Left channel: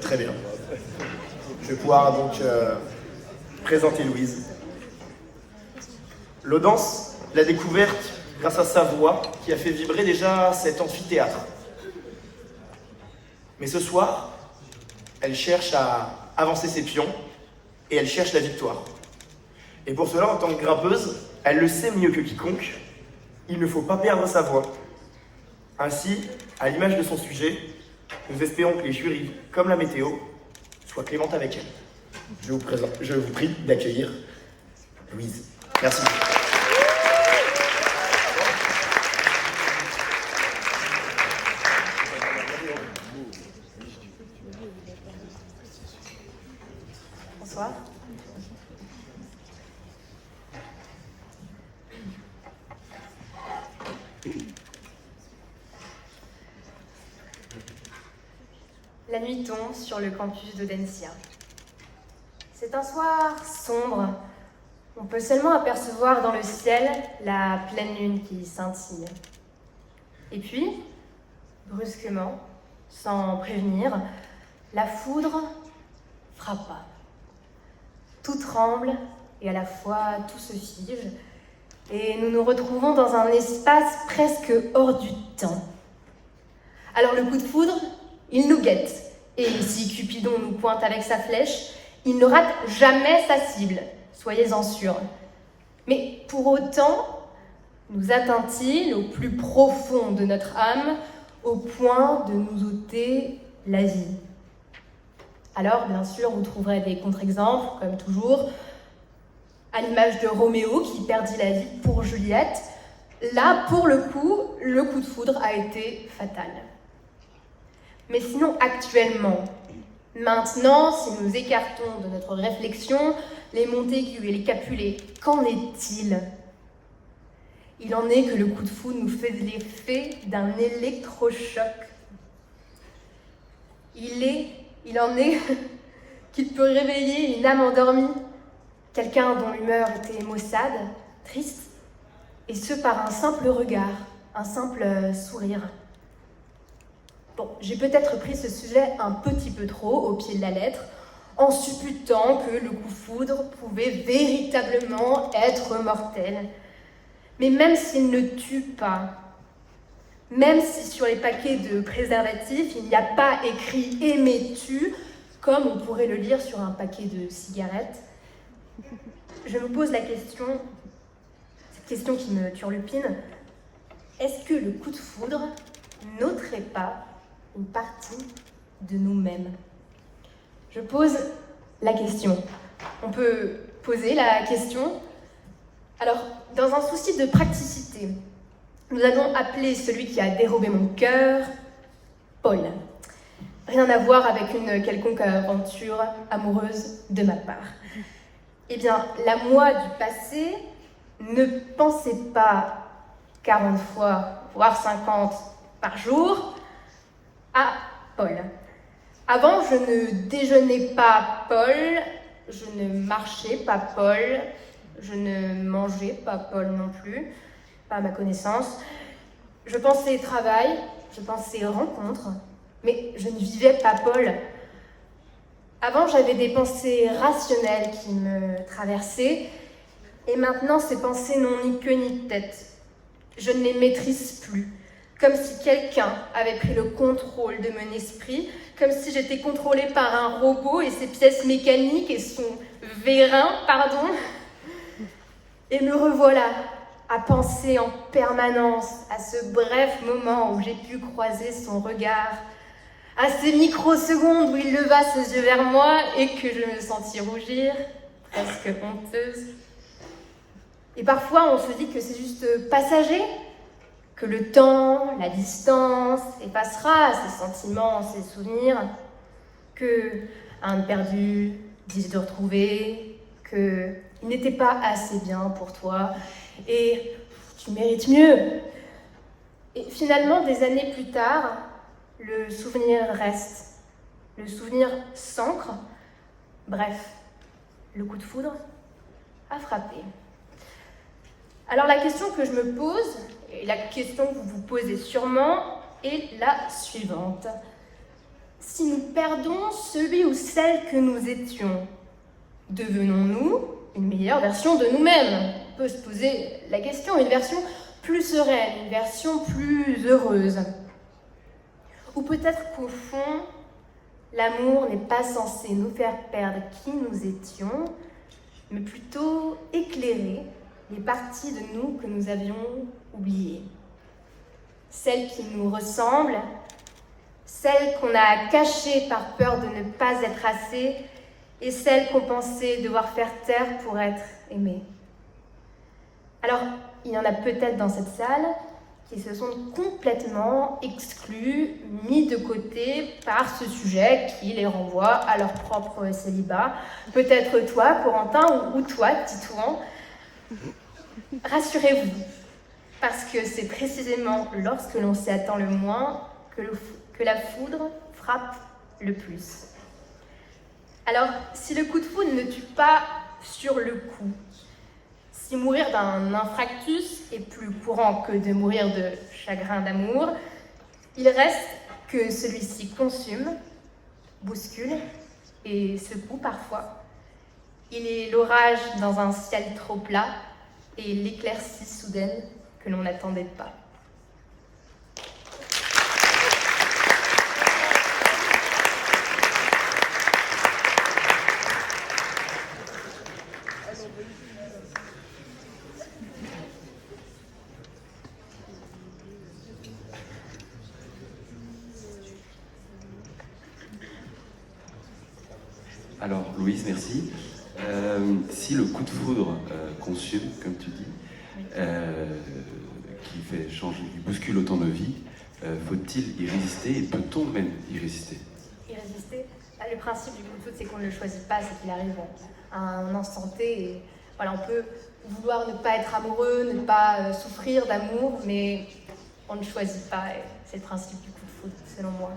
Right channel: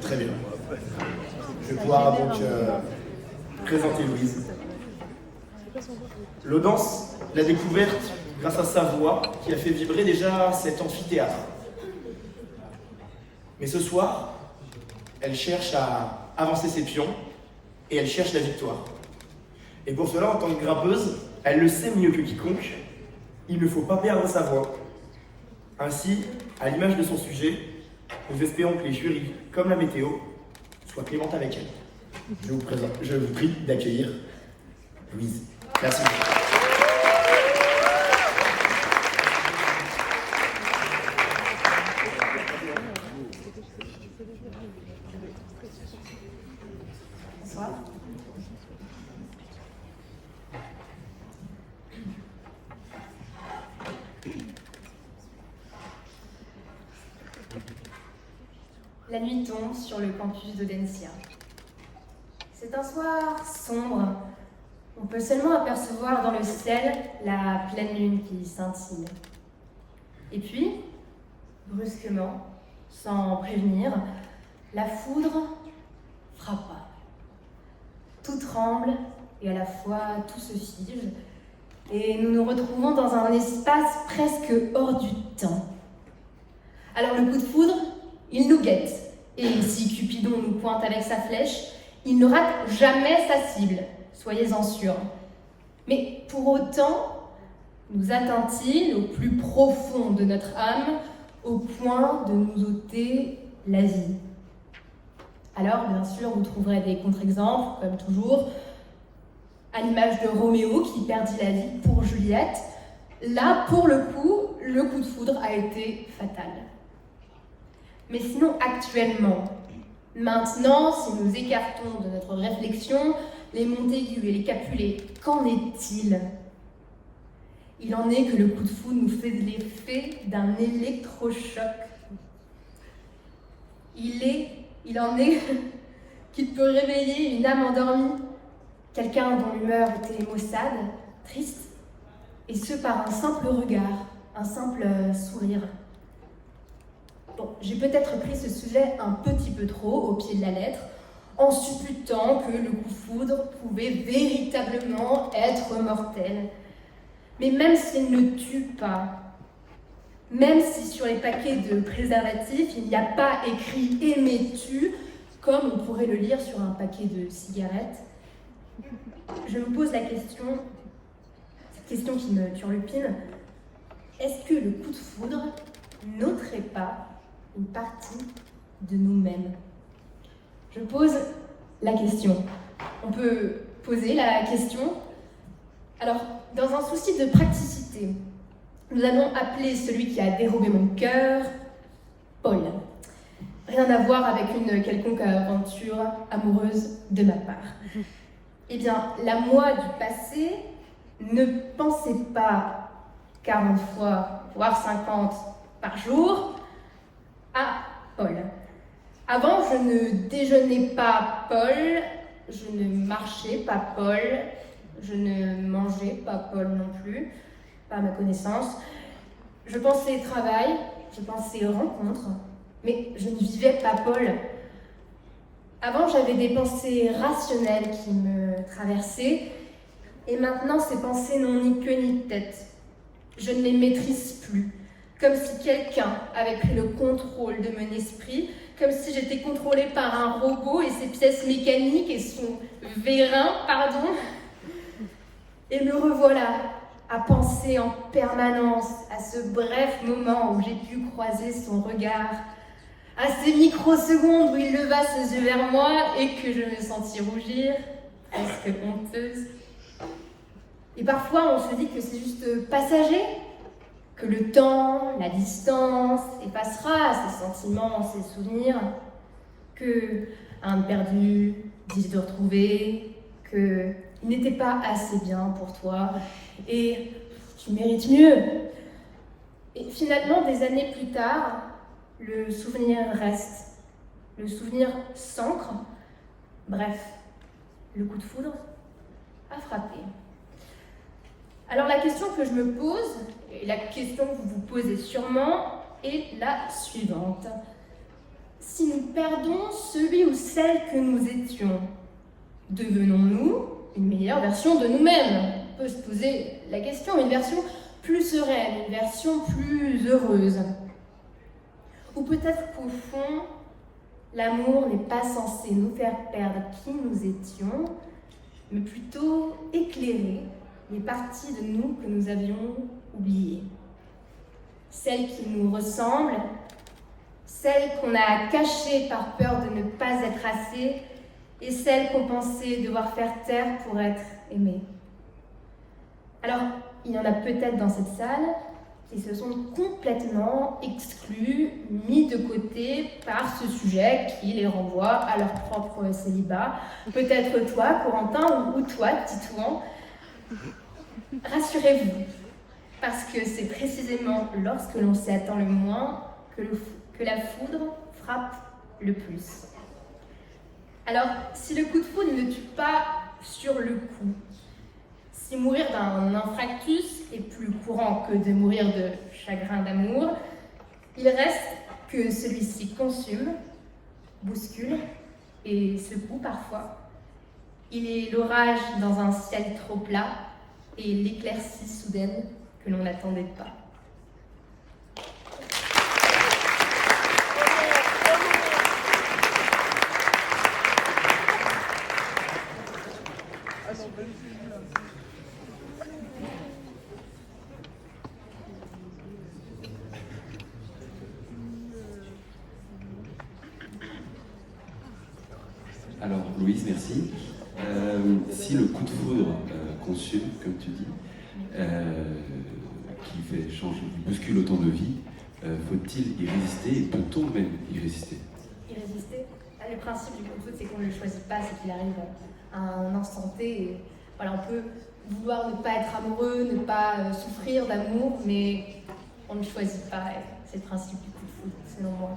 Très bien. Je vais pouvoir donc présenter Louise. L'Audense l'a découverte grâce à sa voix qui a fait vibrer déjà cet amphithéâtre. Mais ce soir, elle cherche à avancer ses pions et elle cherche la victoire. Et pour cela, en tant que grimpeuse, elle le sait mieux que quiconque, il ne faut pas perdre sa voix. Ainsi, à l'image de son sujet, nous espérons que les jurys, comme la météo, soient clémentes avec elle. Je vous prie d'accueillir Louise. Merci. Bonsoir. La nuit tombe sur le campus d'Audencia. C'est un soir sombre. On peut seulement apercevoir dans le ciel la pleine lune qui scintille. Et puis, brusquement, sans prévenir, la foudre frappa. Tout tremble et à la fois tout se fige. Et nous nous retrouvons dans un espace presque hors du temps. Alors le coup de foudre, il nous guette. Et si Cupidon nous pointe avec sa flèche, il ne rate jamais sa cible, soyez-en sûrs. Mais pour autant, nous atteint-il au plus profond de notre âme, au point de nous ôter la vie. Alors, bien sûr, vous trouverez des contre-exemples, comme toujours, à l'image de Roméo qui perdit la vie pour Juliette. Là, pour le coup de foudre a été fatal. Mais sinon, actuellement, maintenant, si nous écartons de notre réflexion les Montaigu et les Capulet, qu'en est-il ? Il en est que le coup de foudre nous fait l'effet d'un électrochoc. Il en est qu'il peut réveiller une âme endormie, quelqu'un dont l'humeur était maussade, triste, et ce par un simple regard, un simple sourire. Bon, j'ai peut-être pris ce sujet un petit peu trop au pied de la lettre, en supputant que le coup de foudre pouvait véritablement être mortel. Mais même s'il ne tue pas, même si sur les paquets de préservatifs, il n'y a pas écrit « aimais-tu » comme on pourrait le lire sur un paquet de cigarettes, je me pose la question, cette question qui me turlupine, est-ce que le coup de foudre n'ôterait pas une partie de nous-mêmes? Je pose la question. On peut poser la question. Alors, dans un souci de praticité, nous allons appeler celui qui a dérobé mon cœur Paul. Rien à voir avec une quelconque aventure amoureuse de ma part. Eh bien, la moi du passé ne pensait pas 40 fois, voire 50 par jour, à Paul. Avant, je ne déjeunais pas Paul, je ne marchais pas Paul, je ne mangeais pas Paul non plus, pas à ma connaissance. Je pensais travail, je pensais rencontre, mais je ne vivais pas Paul. Avant, j'avais des pensées rationnelles qui me traversaient, et maintenant, ces pensées n'ont ni queue ni tête. Je ne les maîtrise plus, comme si quelqu'un avait pris le contrôle de mon esprit, comme si j'étais contrôlée par un robot et ses pièces mécaniques et son vérin, pardon. Et me revoilà à penser en permanence à ce bref moment où j'ai pu croiser son regard, à ces microsecondes où il leva ses yeux vers moi et que je me sentis rougir, presque honteuse. Et parfois, on se dit que c'est juste passager, que le temps, la distance effacera ces sentiments, ces souvenirs, que un perdu dit de retrouver, qu'il n'était pas assez bien pour toi et tu mérites mieux. Et finalement, des années plus tard, le souvenir reste, le souvenir s'ancre. Bref, le coup de foudre a frappé. Alors la question que je me pose, et la question que vous vous posez sûrement, est la suivante. Si nous perdons celui ou celle que nous étions, devenons-nous une meilleure version de nous-mêmes? On peut se poser la question, une version plus sereine, une version plus heureuse. Ou peut-être qu'au fond, l'amour n'est pas censé nous faire perdre qui nous étions, mais plutôt éclairer les parties de nous que nous avions oubliées. Celles qui nous ressemblent, celles qu'on a cachées par peur de ne pas être assez, et celles qu'on pensait devoir faire taire pour être aimées. Alors, il y en a peut-être dans cette salle qui se sont complètement exclus, mis de côté par ce sujet qui les renvoie à leur propre célibat. Peut-être toi, Corentin, ou toi, Titouan. Rassurez-vous, parce que c'est précisément lorsque l'on s'y attend le moins que la foudre frappe le plus. Alors, si le coup de foudre ne tue pas sur le coup, si mourir d'un infarctus est plus courant que de mourir de chagrin d'amour, il reste que celui-ci consume, bouscule et secoue parfois. Il est l'orage dans un ciel trop plat et l'éclaircie soudaine que l'on n'attendait pas. Alors, Louise, merci. Si le coup de foudre consume, comme tu dis, qui fait changer, bouscule autant de vie, faut-il y résister et peut-on même y résister? Y résister? Le principe du coup de foudre, c'est qu'on ne le choisit pas, c'est qu'il arrive à un instant T. Et voilà, on peut vouloir ne pas être amoureux, ne pas souffrir d'amour, mais on ne choisit pas. C'est le principe du coup de foudre, selon moi.